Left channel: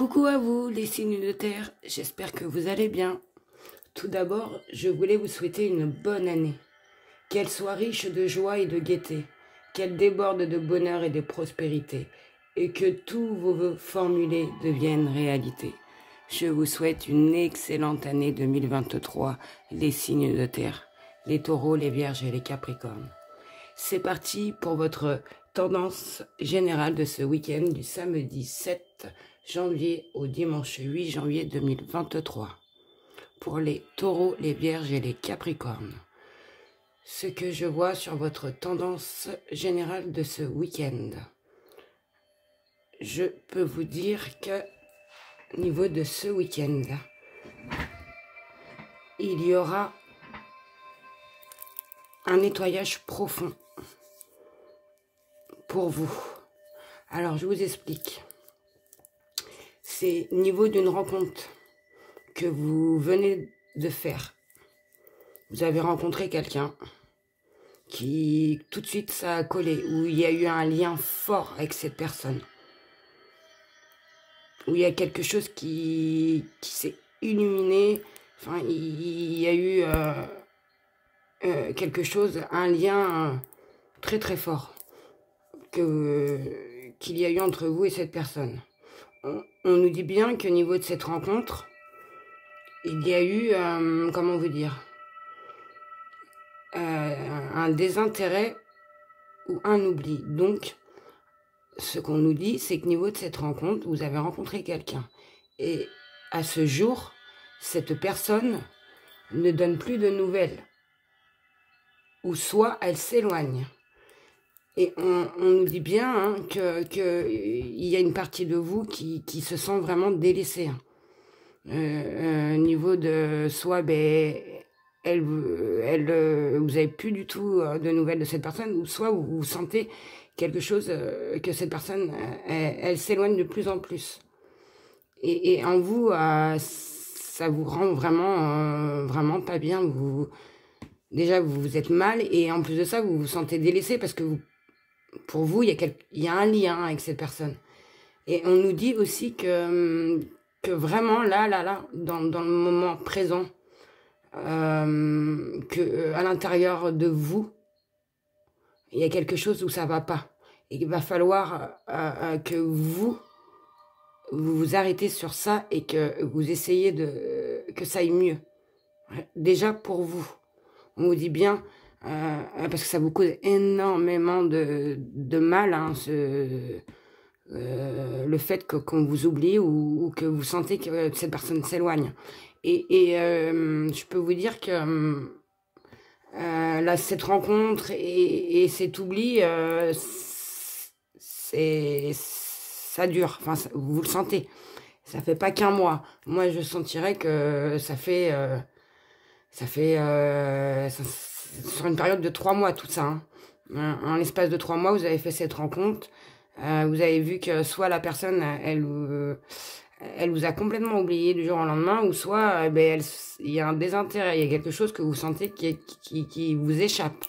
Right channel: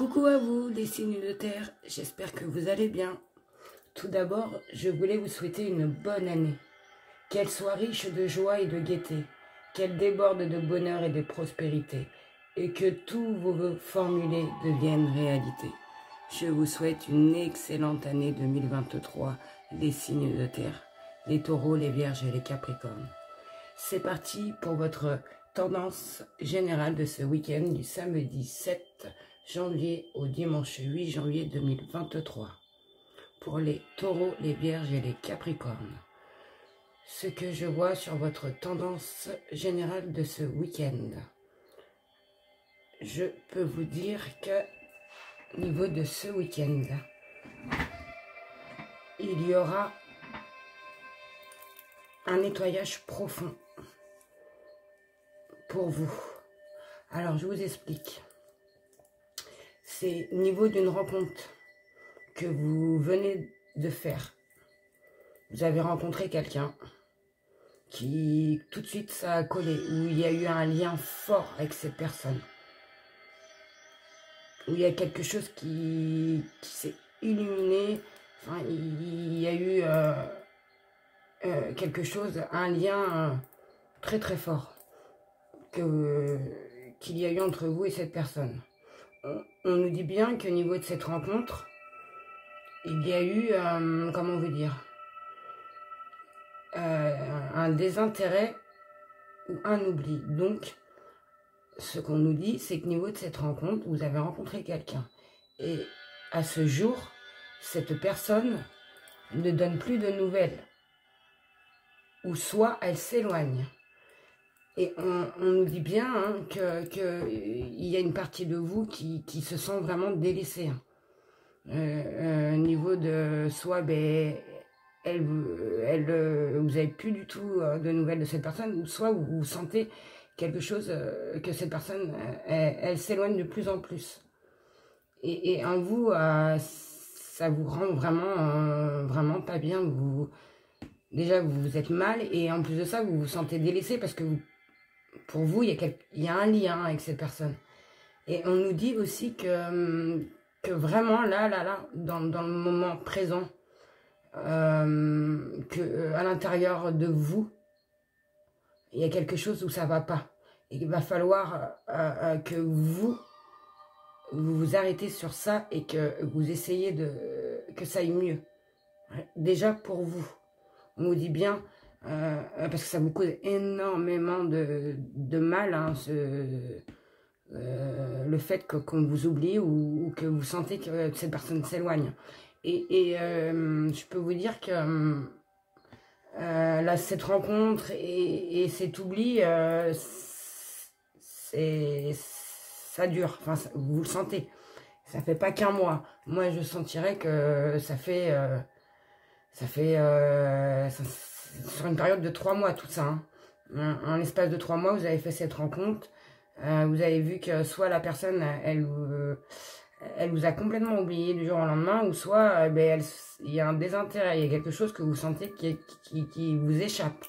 Coucou à vous les signes de terre, j'espère que vous allez bien. Tout d'abord, je voulais vous souhaiter une bonne année. Qu'elle soit riche de joie et de gaieté, qu'elle déborde de bonheur et de prospérité, et que tous vos vœux formulés deviennent réalité. Je vous souhaite une excellente année 2023, les signes de terre, les taureaux, les vierges et les capricornes. C'est parti pour votre tendance générale de ce week-end du samedi 7 janvier au dimanche 8 janvier 2023. Pour les taureaux, les vierges et les capricornes. Ce que je vois sur votre tendance générale de ce week-end. Je peux vous dire que au niveau de ce week-end, il y aura un nettoyage profond pour vous. Alors, je vous explique. C'est au niveau d'une rencontre que vous venez de faire. Vous avez rencontré quelqu'un qui, tout de suite, ça a collé, où il y a eu un lien fort avec cette personne. Où il y a quelque chose qui s'est illuminé. Enfin, il y a eu quelque chose, un lien très très fort qu'il y a eu entre vous et cette personne. On nous dit bien qu'au niveau de cette rencontre, il y a eu, comment vous dire, un désintérêt ou un oubli. Donc, ce qu'on nous dit, c'est qu'au niveau de cette rencontre, vous avez rencontré quelqu'un. Et à ce jour, cette personne ne donne plus de nouvelles. Ou soit elle s'éloigne. Et on nous dit bien qu'il y a une partie de vous qui se sent vraiment délaissée. Au niveau de soit, vous avez plus du tout de nouvelles de cette personne, ou soit vous sentez quelque chose que cette personne, elle s'éloigne de plus en plus. Et en vous, ça vous rend vraiment, vraiment pas bien. Déjà, vous vous êtes mal, et en plus de ça, vous vous sentez délaissé parce que pour vous, il y a un lien avec cette personne. Et on nous dit aussi que vraiment, là, dans le moment présent, à l'intérieur de vous, il y a quelque chose où ça va pas. Et il va falloir que vous vous arrêtez sur ça et que vous essayez que ça aille mieux. Déjà pour vous. On vous dit bien, parce que ça vous cause énormément de mal, hein, le fait qu'on vous oublie ou que vous sentez que cette personne s'éloigne. Et je peux vous dire que là, cette rencontre et cet oubli, ça dure. Enfin, vous le sentez. Ça fait pas qu'un mois. Moi, je sentirais que ça fait sur une période de 3 mois, tout ça. Hein. En l'espace de 3 mois, vous avez fait cette rencontre. Vous avez vu que soit la personne, elle vous a complètement oublié du jour au lendemain, ou soit il y a un désintérêt, il y a quelque chose que vous sentez qui vous échappe.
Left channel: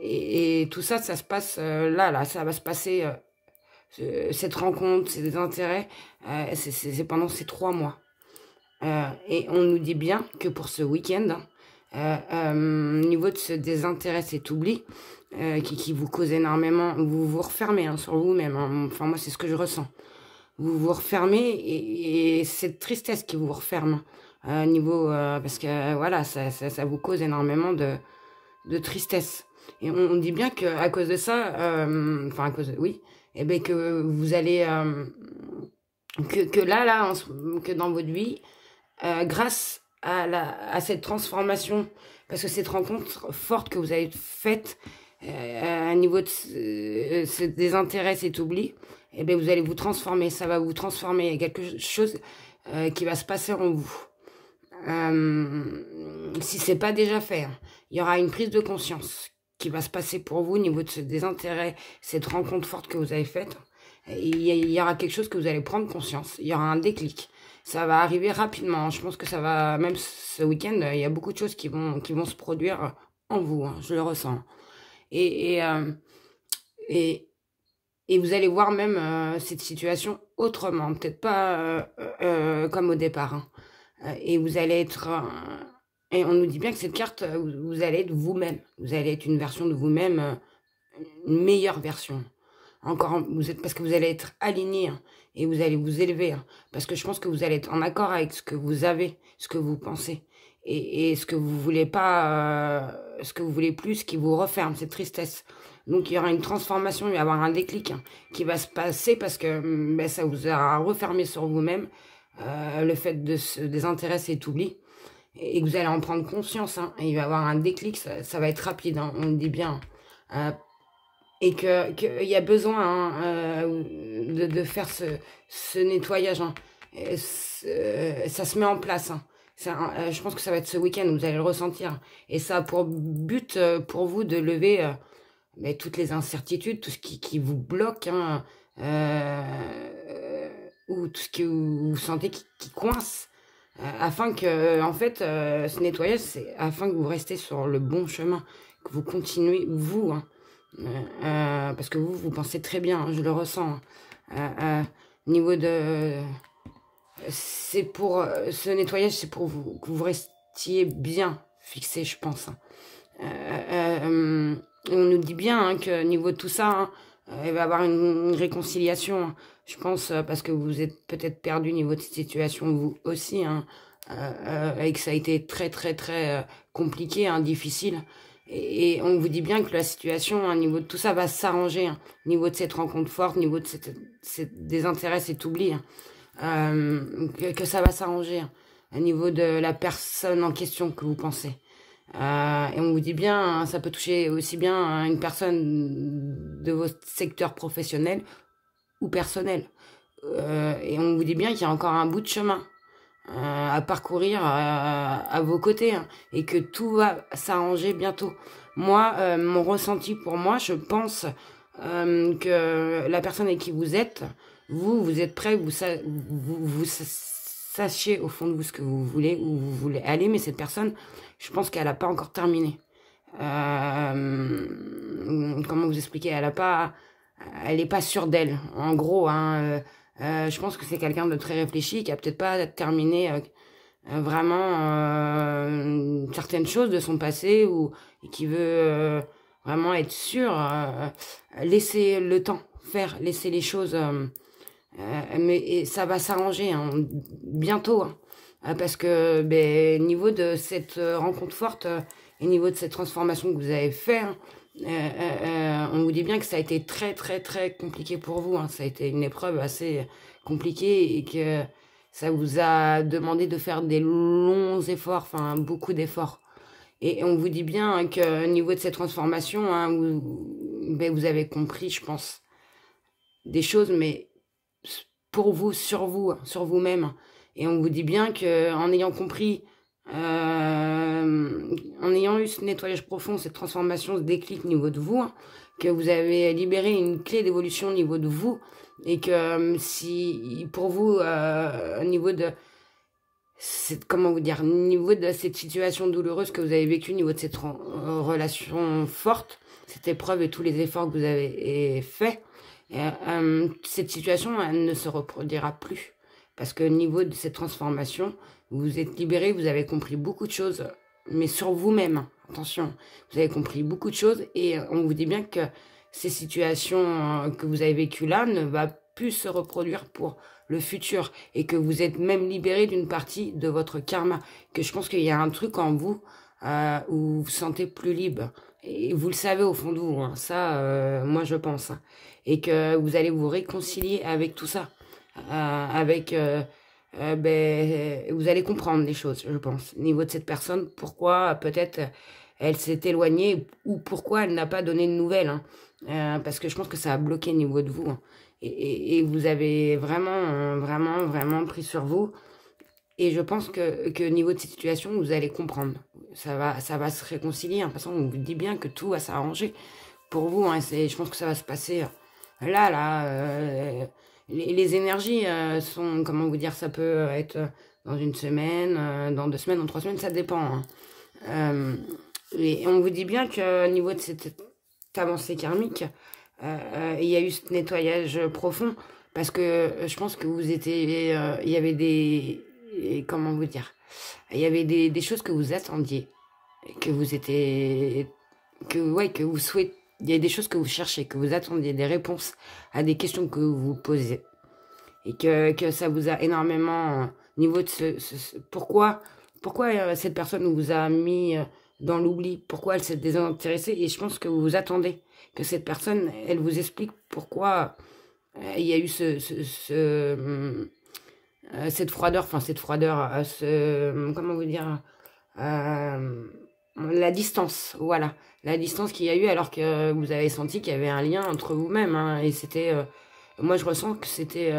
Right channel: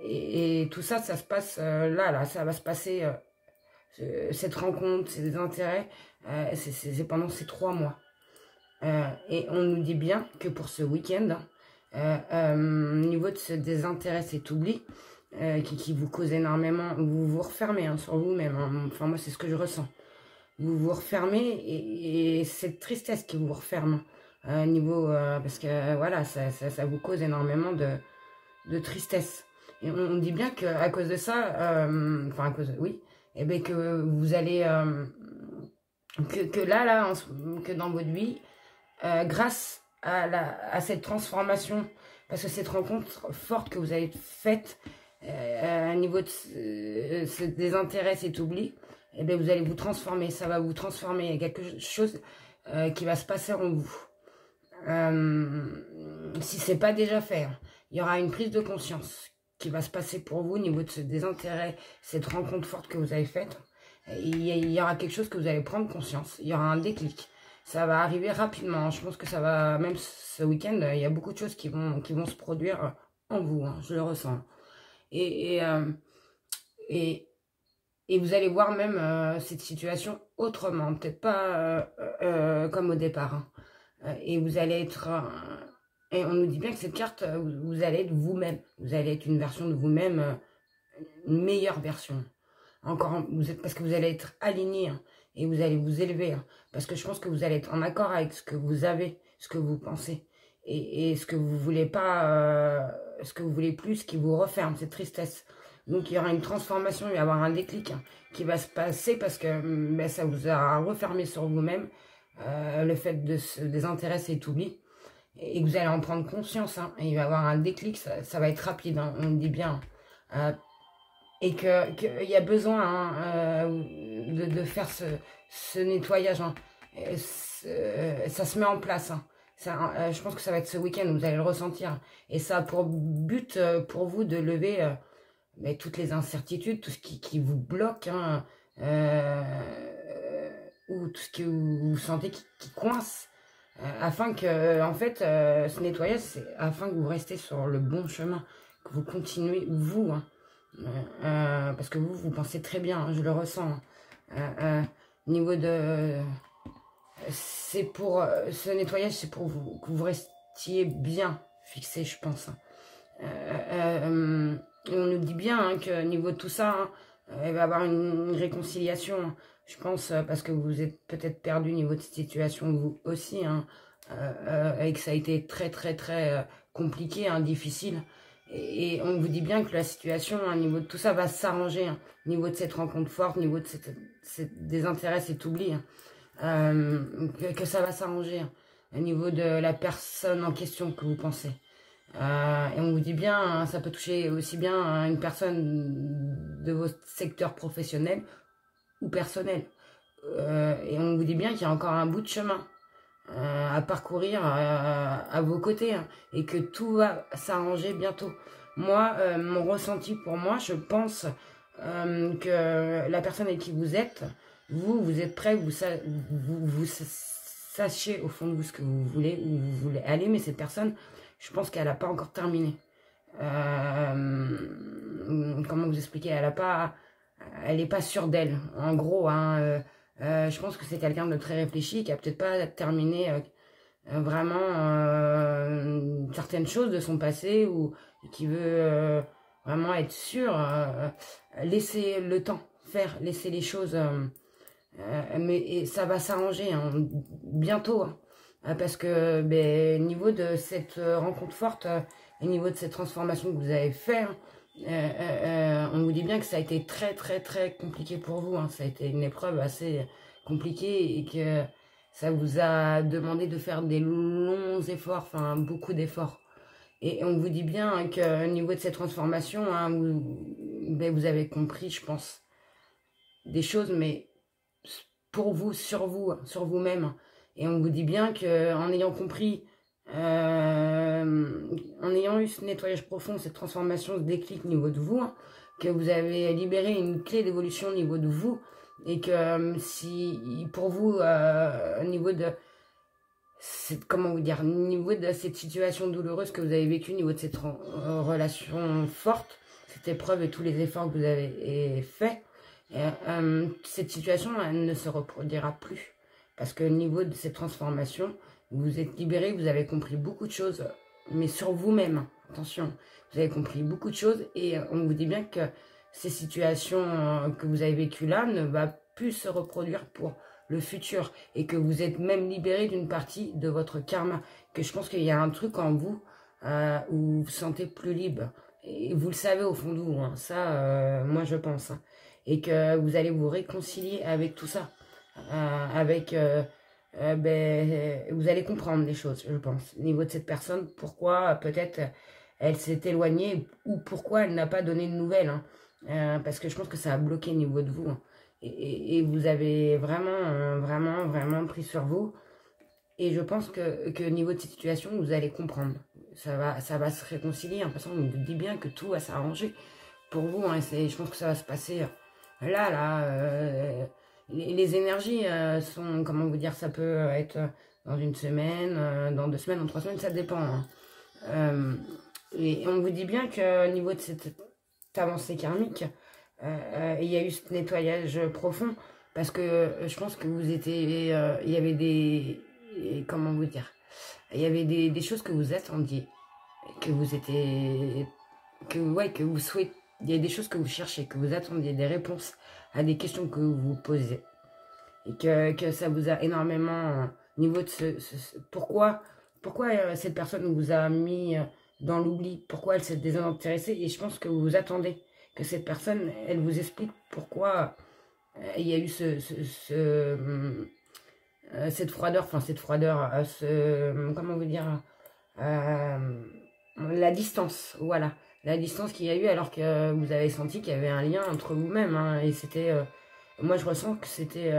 Et tout ça, ça se passe là, ça va se passer, cette rencontre, ces désintérêts, c'est pendant ces 3 mois. Et on nous dit bien que pour ce week-end, au niveau de ce désintérêt, cet oubli, qui vous cause énormément, vous vous refermez sur vous-même. Hein. Enfin, moi, c'est ce que je ressens. Vous vous refermez et cette tristesse qui vous referme. Niveau, parce que voilà, ça vous cause énormément de tristesse. Et on dit bien qu'à cause de ça, enfin, à cause de, oui, et bien que vous allez, que dans votre vie, grâce à cette transformation, parce que cette rencontre forte que vous avez faite, à niveau de ce désintérêt, cet oubli, et bien vous allez vous transformer, ça va vous transformer, il y a quelque chose qui va se passer en vous. Si c'est pas déjà fait, hein, il y aura une prise de conscience qui va se passer pour vous au niveau de ce désintérêt, cette rencontre forte que vous avez faite. Il y aura quelque chose que vous allez prendre conscience, il y aura un déclic. Ça va arriver rapidement. Je pense que ça va, même ce week-end, il y a beaucoup de choses qui vont se produire en vous. Hein, je le ressens. Et Et vous allez voir même cette situation autrement, peut-être pas comme au départ, hein. Et vous allez être... et on nous dit bien que cette carte, vous allez être vous-même. Vous allez être une version de vous-même, une meilleure version. Encore, parce que vous allez être aligné, hein, et vous allez vous élever, hein, parce que je pense que vous allez être en accord avec ce que vous avez, ce que vous pensez, et ce que vous voulez pas, ce que vous voulez plus, ce qui vous referme, cette tristesse. Donc il y aura une transformation, il va y avoir un déclic, hein, qui va se passer parce que ben, ça vous a refermé sur vous-même, le fait de se désintéresser tout oublier, et que vous allez en prendre conscience, hein, et il va y avoir un déclic, ça va être rapide, hein, on le dit bien, hein. Et qu'il y a besoin, hein, de faire ce nettoyage, hein. Ça se met en place, hein. Je pense que ça va être ce week-end, vous allez le ressentir. Et ça a pour but, pour vous, de lever mais toutes les incertitudes, tout ce qui vous bloque, hein, ou tout ce que vous sentez qui coince, afin que, en fait, ce nettoyage, c'est afin que vous restez sur le bon chemin, que vous continuez, vous, hein, parce que vous pensez très bien, hein, je le ressens, hein. Niveau de... C'est pour... ce nettoyage, c'est pour vous, que vous restiez bien fixé, je pense, hein. On nous dit bien, hein, que niveau de tout ça, hein, il va y avoir une réconciliation, hein, je pense, parce que vous êtes peut-être perdu niveau de situation, vous aussi, hein, et que ça a été très très très compliqué, hein, difficile. Et on vous dit bien que la situation, au niveau de tout ça, va s'arranger, hein, au niveau de cette rencontre forte, au niveau de cette désintérêt, cet oubli, hein, que ça va s'arranger, hein, au niveau de la personne en question que vous pensez. Et on vous dit bien, hein, ça peut toucher aussi bien, hein, une personne de votre secteur professionnel ou personnel. Et on vous dit bien qu'il y a encore un bout de chemin à parcourir à vos côtés, hein, et que tout va s'arranger bientôt. Moi, mon ressenti pour moi, je pense que la personne avec qui vous êtes, vous êtes prêt, vous sachiez au fond de vous ce que vous voulez, où vous voulez aller, mais cette personne, je pense qu'elle n'a pas encore terminé. Comment vous expliquer, elle n'est pas sûre d'elle, en gros, hein. Je pense que c'est quelqu'un de très réfléchi qui a peut-être pas terminé vraiment certaines choses de son passé, ou qui veut vraiment être sûr, laisser le temps faire, laisser les choses, mais ça va s'arranger, hein, bientôt, hein. Parce que ben, niveau de cette rencontre forte, et niveau de cette transformation que vous avez fait, hein, on vous dit bien que ça a été très très très compliqué pour vous, hein. Ça a été une épreuve assez compliquée, et que ça vous a demandé de faire des longs efforts, enfin beaucoup d'efforts. Et on vous dit bien, hein, que au niveau de cette transformation, hein, ben, vous avez compris, je pense, des choses, mais pour vous, hein, sur vous-même, hein. Et on vous dit bien que en ayant compris, en ayant eu ce nettoyage profond, cette transformation, ce déclic au niveau de vous, hein, que vous avez libéré une clé d'évolution au niveau de vous, et que si pour vous, au niveau de comment vous dire, au niveau de cette situation douloureuse que vous avez vécue, au niveau de cette relation forte, cette épreuve et tous les efforts que vous avez faits, cette situation, elle ne se reproduira plus. Parce que au niveau de cette transformation, vous êtes libéré, vous avez compris beaucoup de choses, mais sur vous-même, attention, vous avez compris beaucoup de choses, et on vous dit bien que ces situations que vous avez vécues là ne va plus se reproduire pour le futur, et que vous êtes même libéré d'une partie de votre karma, que je pense qu'il y a un truc en vous où vous vous sentez plus libre, et vous le savez au fond de vous, hein, ça, moi je pense, hein, et que vous allez vous réconcilier avec tout ça, ben, vous allez comprendre les choses, je pense, au niveau de cette personne, pourquoi peut-être elle s'est éloignée, ou pourquoi elle n'a pas donné de nouvelles, hein. Parce que je pense que ça a bloqué au niveau de vous, hein. Et vous avez vraiment, vraiment, vraiment pris sur vous. Et je pense que au niveau de cette situation, vous allez comprendre. Ça va se réconcilier, hein. De toute façon, on vous dit bien que tout va s'arranger pour vous, hein. Je pense que ça va se passer là. Les énergies sont, comment vous dire, ça peut être dans une semaine, dans 2 semaines, dans 3 semaines, ça dépend, hein. Et on vous dit bien qu'au niveau de cette avancée karmique, il y a eu ce nettoyage profond parce que je pense que vous étiez, il y avait comment vous dire, il y avait des choses que vous attendiez, que vous étiez, ouais, que vous souhaitez, il y a des choses que vous cherchez, que vous attendiez, des réponses à des questions que vous vous posez et que ça vous a énormément niveau de pourquoi cette personne vous a mis dans l'oubli, pourquoi elle s'est désintéressée, et je pense que vous vous attendez que cette personne, elle vous explique pourquoi il y a eu cette froideur, comment vous dire, la distance, voilà, la distance qu'il y a eu alors que vous avez senti qu'il y avait un lien entre vous-même, hein, et c'était, moi je ressens que c'était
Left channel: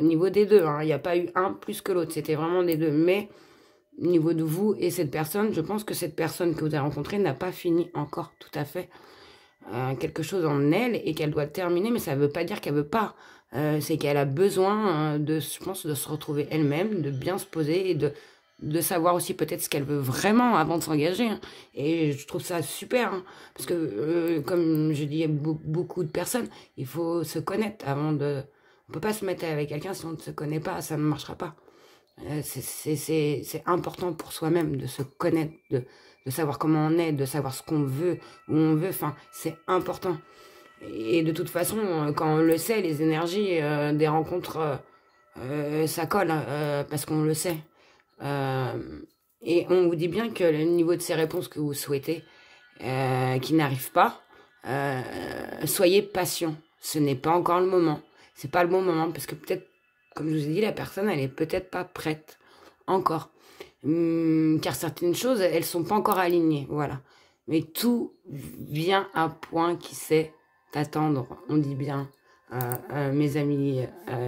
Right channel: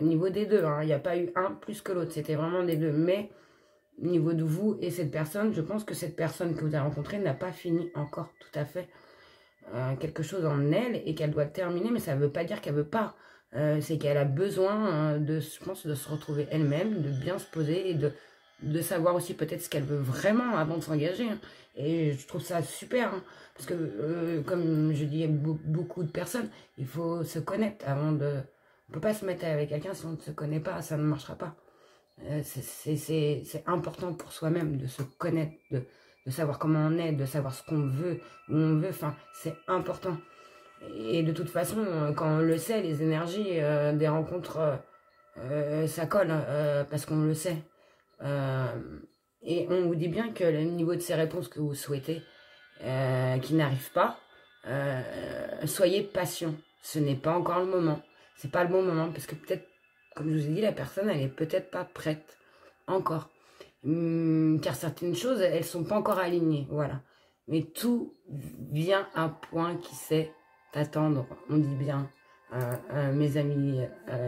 niveau des deux, hein, il n'y a pas eu un plus que l'autre, c'était vraiment des deux, mais niveau de vous et cette personne, je pense que cette personne que vous avez rencontrée n'a pas fini encore tout à fait quelque chose en elle et qu'elle doit terminer, mais ça ne veut pas dire qu'elle veut pas. C'est qu'elle a besoin je pense, de se retrouver elle-même, de bien se poser et de savoir aussi peut-être ce qu'elle veut vraiment avant de s'engager, hein. Et je trouve ça super, hein, parce que comme je dis à beaucoup de personnes, il faut se connaître avant de... On peut pas se mettre avec quelqu'un si on ne se connaît pas, ça ne marchera pas. C'est important pour soi-même de se connaître, de savoir comment on est, de savoir ce qu'on veut, où on veut, enfin, c'est important. Et de toute façon, quand on le sait, les énergies des rencontres, ça colle, parce qu'on le sait. Euh, et on vous dit bien que le niveau de ces réponses que vous souhaitez, qui n'arrivent pas, soyez patient. Ce n'est pas encore le moment. C'est pas le bon moment, parce que peut-être, comme je vous ai dit, la personne, elle est peut-être pas prête encore. Car certaines choses, elles sont pas encore alignées, voilà. Mais tout vient à un point qui sait attendre, on dit bien, mes amis,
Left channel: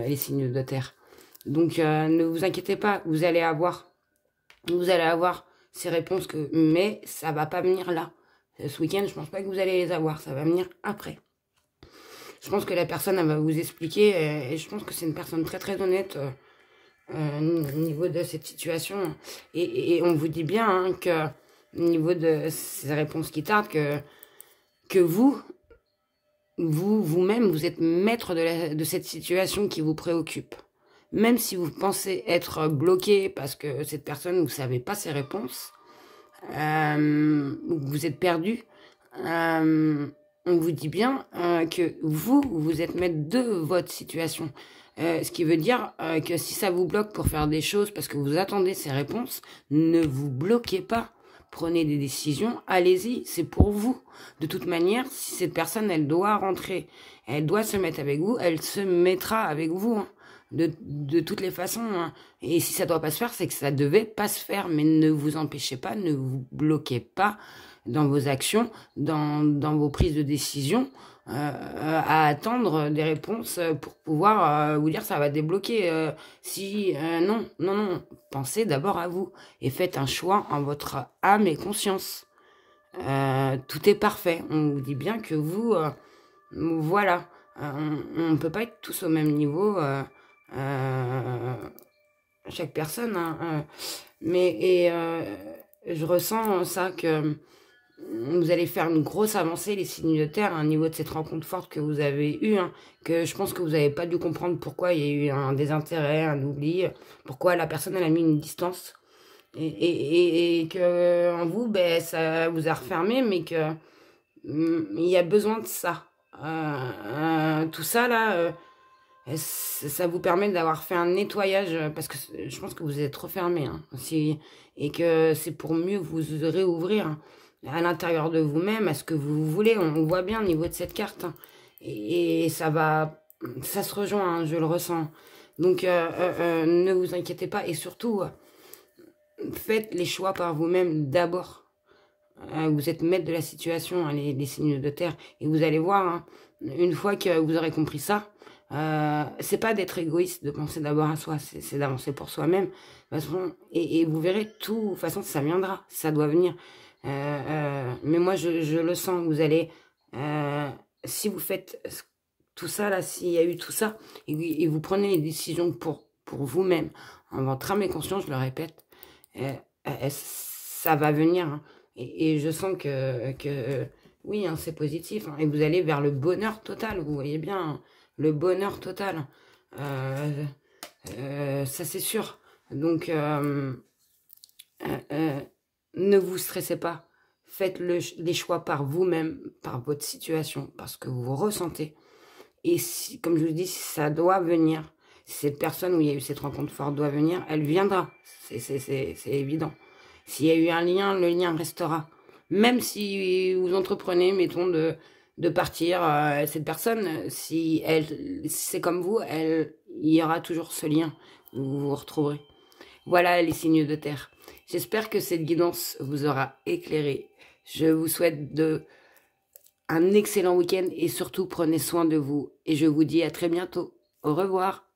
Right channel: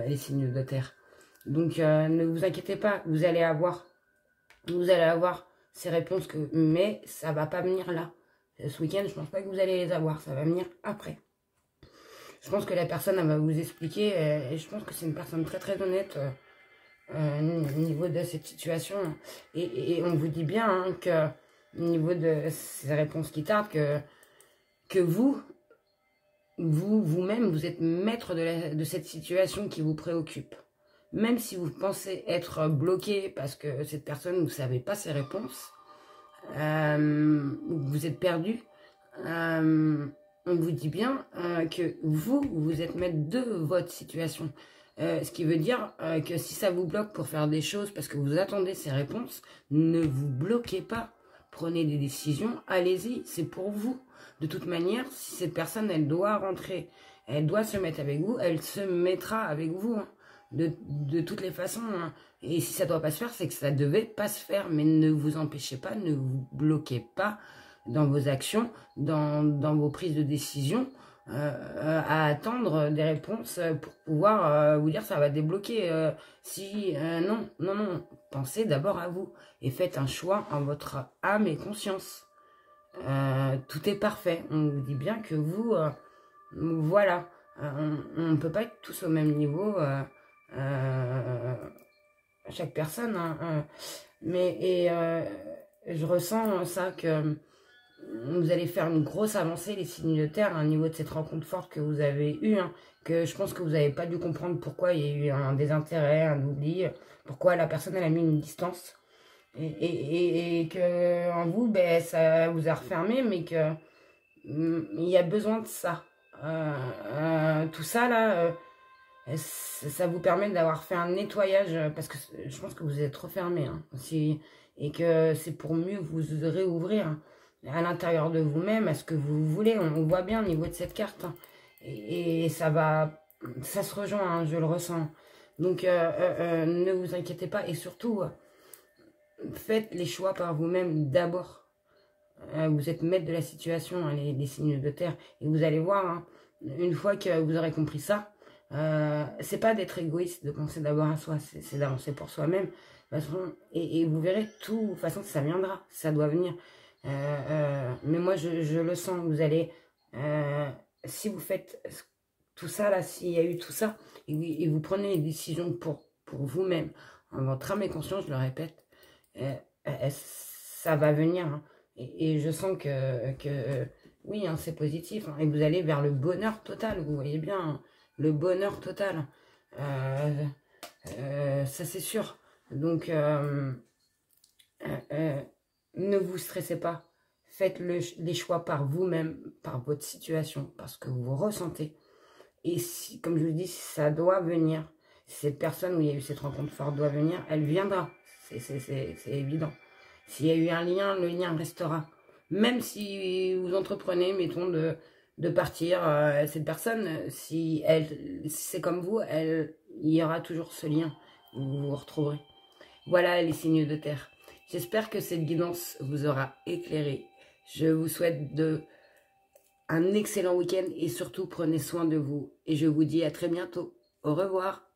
les signes de terre. Donc ne vous inquiétez pas, vous allez avoir ces réponses mais ça va pas venir là. Ce week-end, je pense pas que vous allez les avoir, ça va venir après. Je pense que la personne, elle va vous expliquer, et je pense que c'est une personne très très honnête au niveau de cette situation. Et on vous dit bien, hein, que au niveau de ces réponses qui tardent, que vous-même, vous êtes maître de cette situation qui vous préoccupe. Même si vous pensez être bloqué parce que cette personne, vous ne savez pas ses réponses, vous êtes perdu, on vous dit bien que vous êtes maître de votre situation. Ce qui veut dire que si ça vous bloque pour faire des choses parce que vous attendez ces réponses, ne vous bloquez pas. Prenez des décisions, allez-y, c'est pour vous. De toute manière, si cette personne, elle doit rentrer, elle doit se mettre avec vous, elle se mettra avec vous, hein, de toutes les façons, hein. Et si ça ne doit pas se faire, c'est que ça ne devait pas se faire. Mais ne vous empêchez pas, ne vous bloquez pas dans vos actions, dans vos prises de décision, à attendre des réponses pour pouvoir vous dire ça va débloquer. Non, pensez d'abord à vous et faites un choix en votre âme et conscience. Tout est parfait. On vous dit bien que voilà, on ne peut pas être tous au même niveau, chaque personne, hein, mais je ressens ça que vous allez faire une grosse avancée, les signes de terre, à un niveau de cette rencontre forte que vous avez eue, hein, que je pense que vous n'avez pas dû comprendre pourquoi il y a eu un désintérêt, un oubli, pourquoi la personne elle a mis une distance, et que en vous, ben, ça vous a refermé, mais que il y a besoin de ça. Tout ça là, ça vous permet d'avoir fait un nettoyage, parce que je pense que vous êtes trop fermé, hein, et que c'est pour mieux vous réouvrir, hein, à l'intérieur de vous-même, à ce que vous voulez. On voit bien au niveau de cette carte, hein, et ça se rejoint, hein, je le ressens. Donc ne vous inquiétez pas, et surtout faites les choix par vous-même d'abord. Vous êtes maître de la situation, hein, les signes de terre, et vous allez voir, hein, une fois que vous aurez compris ça, c'est pas d'être égoïste, de penser d'abord à soi, c'est d'avancer pour soi-même. Et vous verrez, de toute façon, ça viendra, ça doit venir. Mais moi, je le sens, vous allez, si vous faites tout ça, là, s'il y a eu tout ça, et vous prenez les décisions pour vous-même, en votre âme et conscience, je le répète, ça va venir, hein. Et je sens que Oui, hein, c'est positif, hein, et vous allez vers le bonheur total, vous voyez bien, hein, le bonheur total. Euh, Ça, c'est sûr. Donc, euh, ne vous stressez pas. Faites les choix par vous-même, par votre situation, parce que vous ressentez. Et si, comme je vous dis, si ça doit venir, si cette personne où il y a eu cette rencontre forte doit venir, elle viendra. C'est évident. S'il y a eu un lien, le lien restera. Même si vous entreprenez, mettons, de partir, cette personne, si si c'est comme vous, il y aura toujours ce lien. Vous vous retrouverez. Voilà les signes de terre. J'espère que cette guidance vous aura éclairé. Je vous souhaite un excellent week-end et surtout prenez soin de vous. Et je vous dis à très bientôt. Au revoir.